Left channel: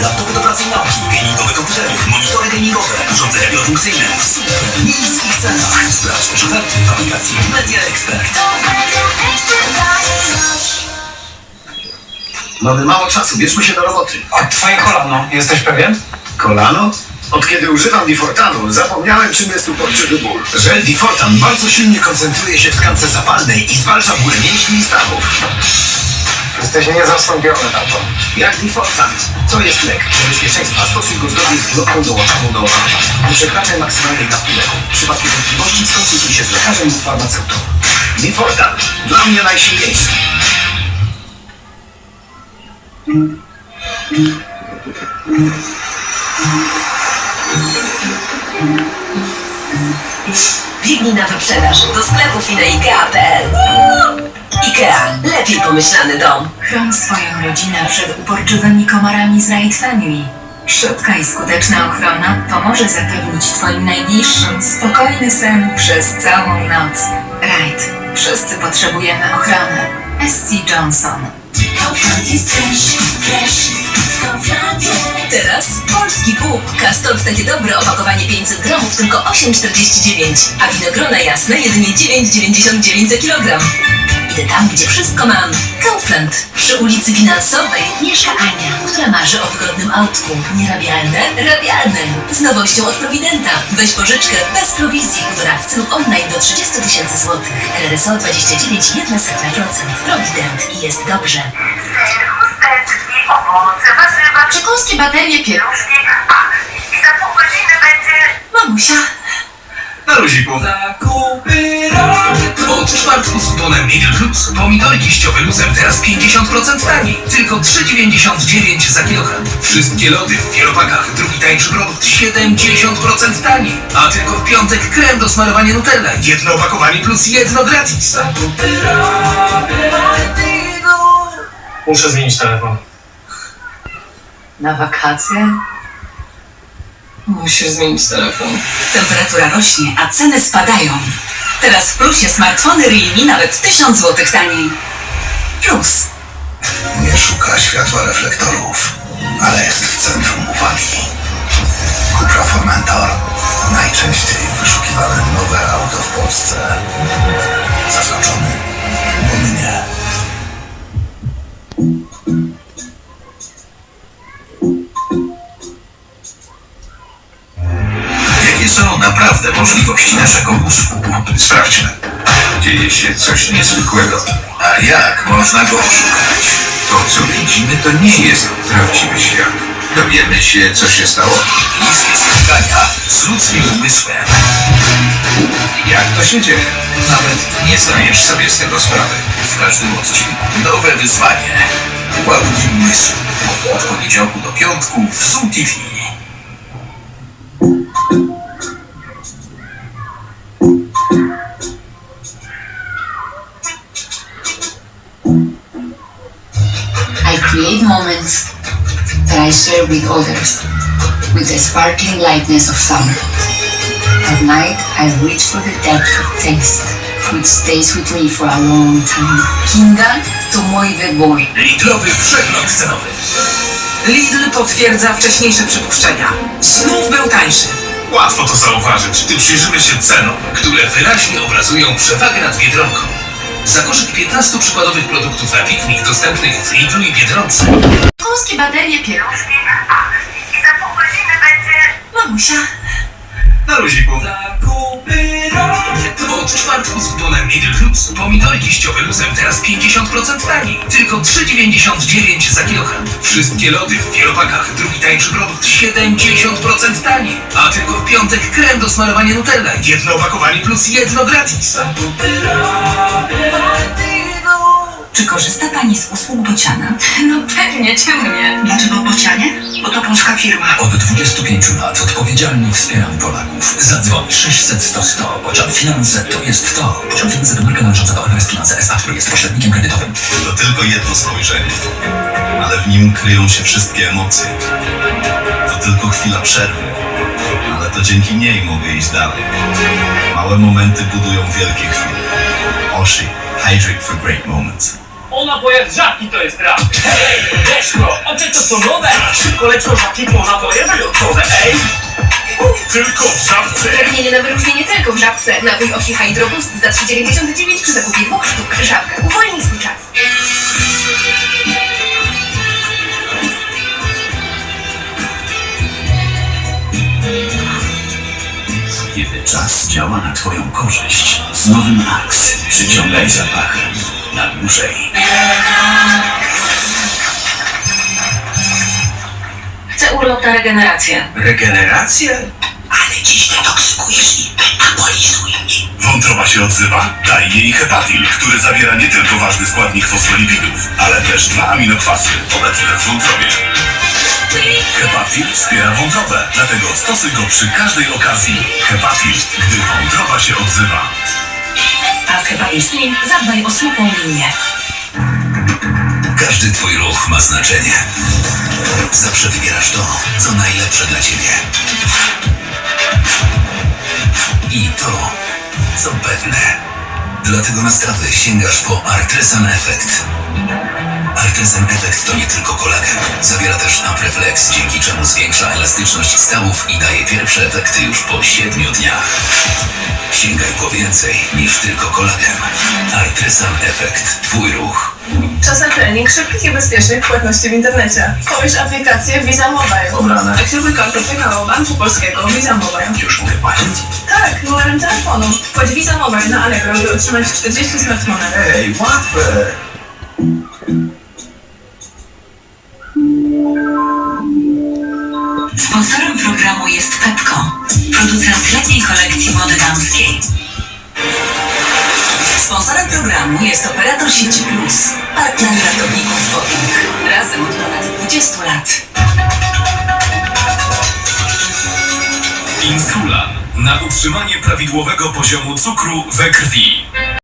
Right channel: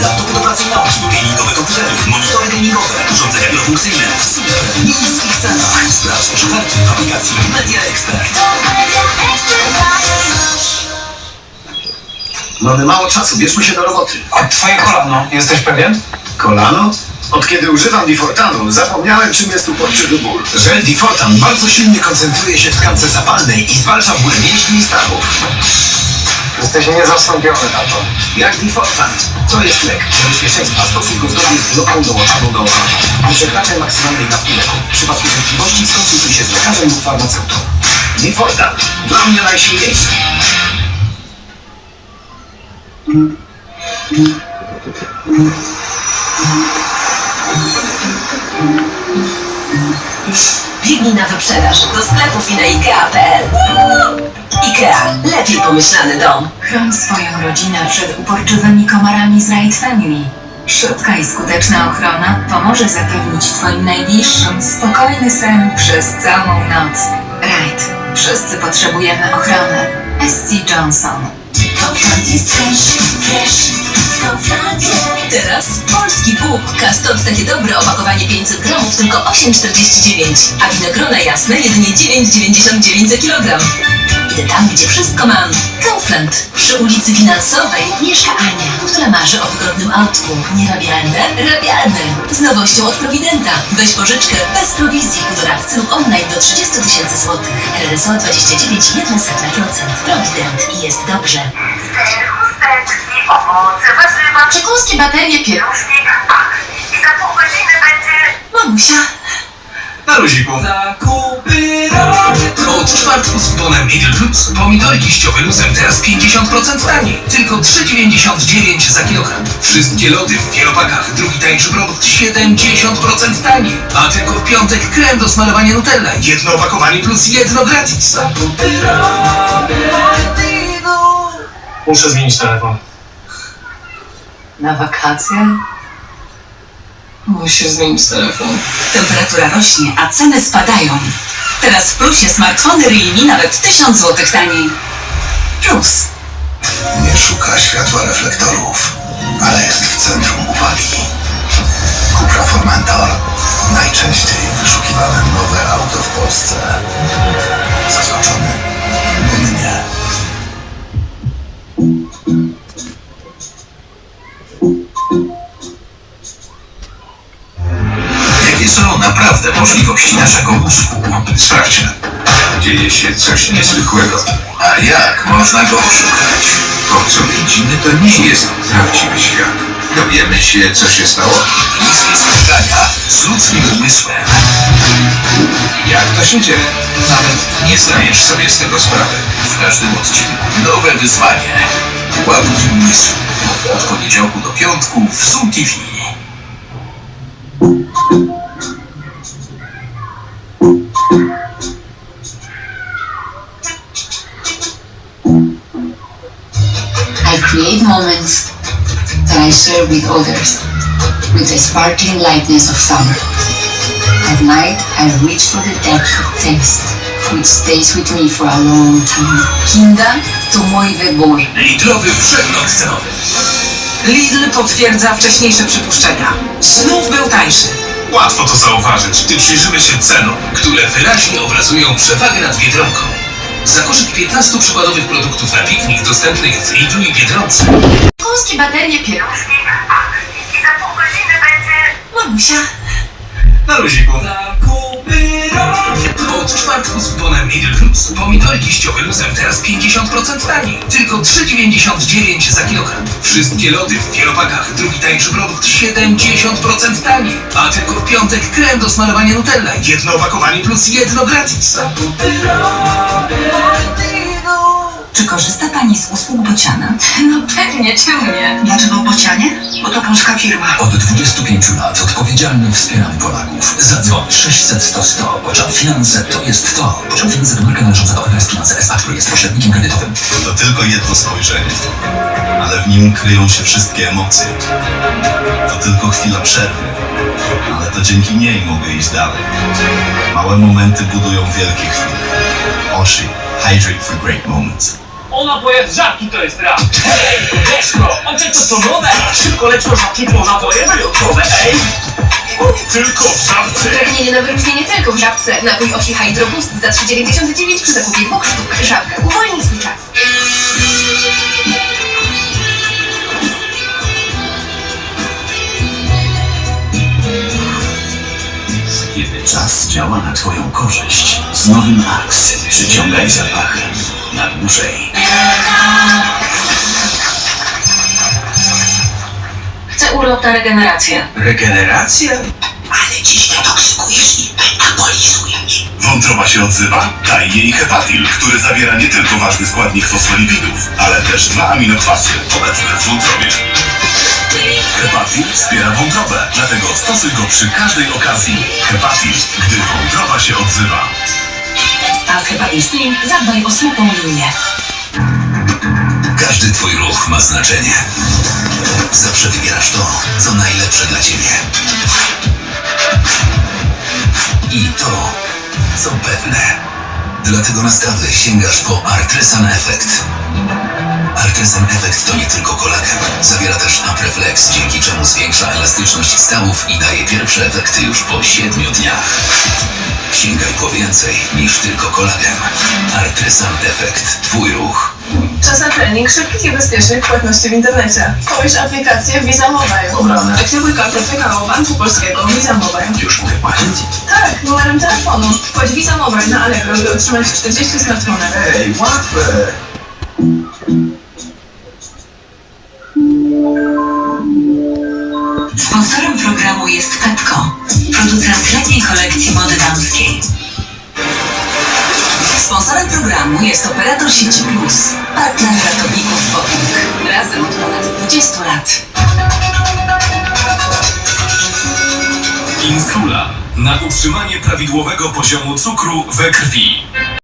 laptopy do pracy i nauki, gamingowe komputery, monitory gamingowe, urządzenia wielofunkcyjne w super niskich cenach. Sprawdź też oferty w aplikacji Media Expert. Mamy mało czasu, bierzmy się do roboty. A twoje kolano, jesteś pewien? Kolano? Od kiedy używam Difortanu, zapomniałem czym jest uporczywy ból. Żel Difortan bardzo silnie koncentruje się w tkance zapalnej i zwalcza ból mięśni i stawów. Jesteś niezastąpiony na to. Jak Difortan? To jest lek. Dla bezpieczeństwa stosuj go zgodnie z ulotką dołączoną do opakowania. Nie przekraczaj maksymalnej dawki leku. W przypadku wątpliwości skonsultuj się z lekarzem lub farmaceutą. Difortan. Dla mnie najsilniejszy. Biegnij na wyprzedaż do sklepu Ikea.pl Ikea. Lepiej pomyślany dom. Chroń swoją rodzinę przed uporczywymi komarami z Raid Family. Szybka i skuteczna ochrona pomoże zapewnić Twoim najbliższym spokojny sen przez całą noc. Raid. Wszyscy potrzebujemy ochrony. SC Johnson. Teraz polski bób. Kastot takie dobre opakowanie 500 gramów tylko 8,49. A winogrona jasne jedynie 9,99 za kilogram. Idę tam, gdzie wszystko mam. Kaufland. Przy ulicy Finansowej mieszka Ania, która marzy o wygodnym autku. Nierabialne? Rabialne. Z nowością od Providenta. Weź pożyczkę bez prowizji u doradcy lub online do 30 tysięcy złotych. RRSO 29,1%. Provident. I jest dobrze. ser, chusteczki, owoce, warzywa, Przekąski, baterie, pielusz. pieluszki. Ach, i za pół godziny będzie... Mamusia. Na luziku. Od czwartku z kuponem Lidl Plus pomidory liściowe luzem teraz 50% taniej. Tylko 3,99 za kilogram. Wszystkie lody w wielopakach. Drugi tańszy produkt 70% taniej. A tylko w piątek krem do smarowania Nutella. Jedno opakowanie plus jedno gratis. Muszę zmienić telefon. Na wakacje? Musisz zmienić telefon. Temperatura rośnie, a ceny spadają. Teraz w plusie smartfony Realme nawet 1000 zł taniej. Plus. Nie szuka światła reflektorów, ale jest w centrum uwagi. Cupra Formentor. Najczęściej wyszukiwane nowe auto w Polsce. Zaskoczony? Bo mnie. Dzieje się coś niezwykłego. A jak można go oszukać? To, co widzimy, to nie jest prawdziwy świat. Dowiemy się, co się stało? Niskie spotkania z ludzkim umysłem. Jak to się dzieje? Nawet nie zdajesz sobie z tego sprawy. W każdym odcinku nowe wyzwanie. Ładuj umysł. Od poniedziałku do piątku w Zoom TV. Moments that I share with others with the sparkling lightness of summer. At night, I reach for the depth of taste, which stays with me for a long time. Kinga to mój wybór. Lidlowy przegląd cenowy. Lidl potwierdza wcześniejsze przypuszczenia. Znów był tańszy. Łatwo to zauważyć, gdy przyjrzymy się cenom, które wyraźnie obrazują przewagę nad Biedronką. Za koszyk 15 przykładowych produktów na piknik dostępnych w Lidlu i Biedronce. Przekąski, baterie. Ach, i za pół godziny będzie... Mamusia. Na luziku. Czwartku z kuponem Lidl Plus pomidory liściowe luzem teraz 50% taniej. Tylko 3,99 za kilogram. Wszystkie lody w wielopakach. Drugi tańszy produkt 70% taniej. A tylko w piątek krem do smarowania Nutella. Jedno opakowanie plus jedno gratis. Czy korzysta Pani z usług Bociana? No pewnie, czemu nie? Dlaczego w Bocianie? Bo to polska firma. Od 25 lat odpowiedzialnie wspieram Polaków. Zadzwoń 600 100 100. Pociąg Finanse to jest to. Pociąg Finanse to marka należąca do Everest Finanse S.A., który jest pośrednikiem kredytowym. To tylko jedno spojrzenie, ale w nim kryją się wszystkie emocje. To tylko chwila przerwy, ale to dzięki niej mogę iść dalej. Małe momenty budują wielkie chwile. Oshi, hydrate for great moments. O napojach z żabki to jest rap. Hej, Leszko, oczy to co nowe. Szybko leć do żabki po napoje wyjątkowe, ej. Tylko w żabce. Pragnienie na wyróżnienie tylko w żabce. Napój Osi Hydro Boost za 3,99 przy zakupie dwóch sztuk. Żabka. Uwolnij swój czas. Kiedy czas działa na Twoją korzyść, z nowym Axe przyciągaj zapachem na dłużej. Chcę urlop na regenerację. Regeneracja? Ale dziś detoksykujesz i metabolizujesz. Wątroba się odzywa? Daj jej hepatil, który zawiera nie tylko ważny składnik fosfolipidów, ale też dwa aminokwasy obecne w wątrobie. Hepatil wspiera wątrobę, dlatego stosuj go przy każdej okazji. Hepatil, gdy wątroba się odzywa. A z Hepatil Slim zadbaj o smukłą linię. Każdy twój ruch ma znaczenie. Zawsze wybierasz to, co najlepsze dla ciebie. I to, co pewne. Dlatego na stawy sięgasz po Artresan Effect. Artresan Effect to nie tylko kolagen. Zawiera też Apreflex, dzięki czemu zwiększa elastyczność stawów i daje pierwsze efekty już po 7 dniach. Sięgaj po więcej niż tylko kolagen. Artresan Effect. Twój ruch. Czas na trening szybkich i bezpiecznych płatności w internecie. Pobierz aplikację Visa Mobile. Obrane. Aktywuj kartę PKO Banku Polskiego Visa Mobile. Już mogę płacić? Tak, numerem telefonu. Wchodź Visa Mobile na Allegro, by otrzymać 40 smartfonów. Ej, łatwe! Sponsorem programu jest Pepco, producent letniej kolekcji Sponsorem programu jest operator sieci Plus, partner ratowników wodnych. Razem od ponad 20 lat. Insulan na utrzymanie prawidłowego poziomu cukru we krwi.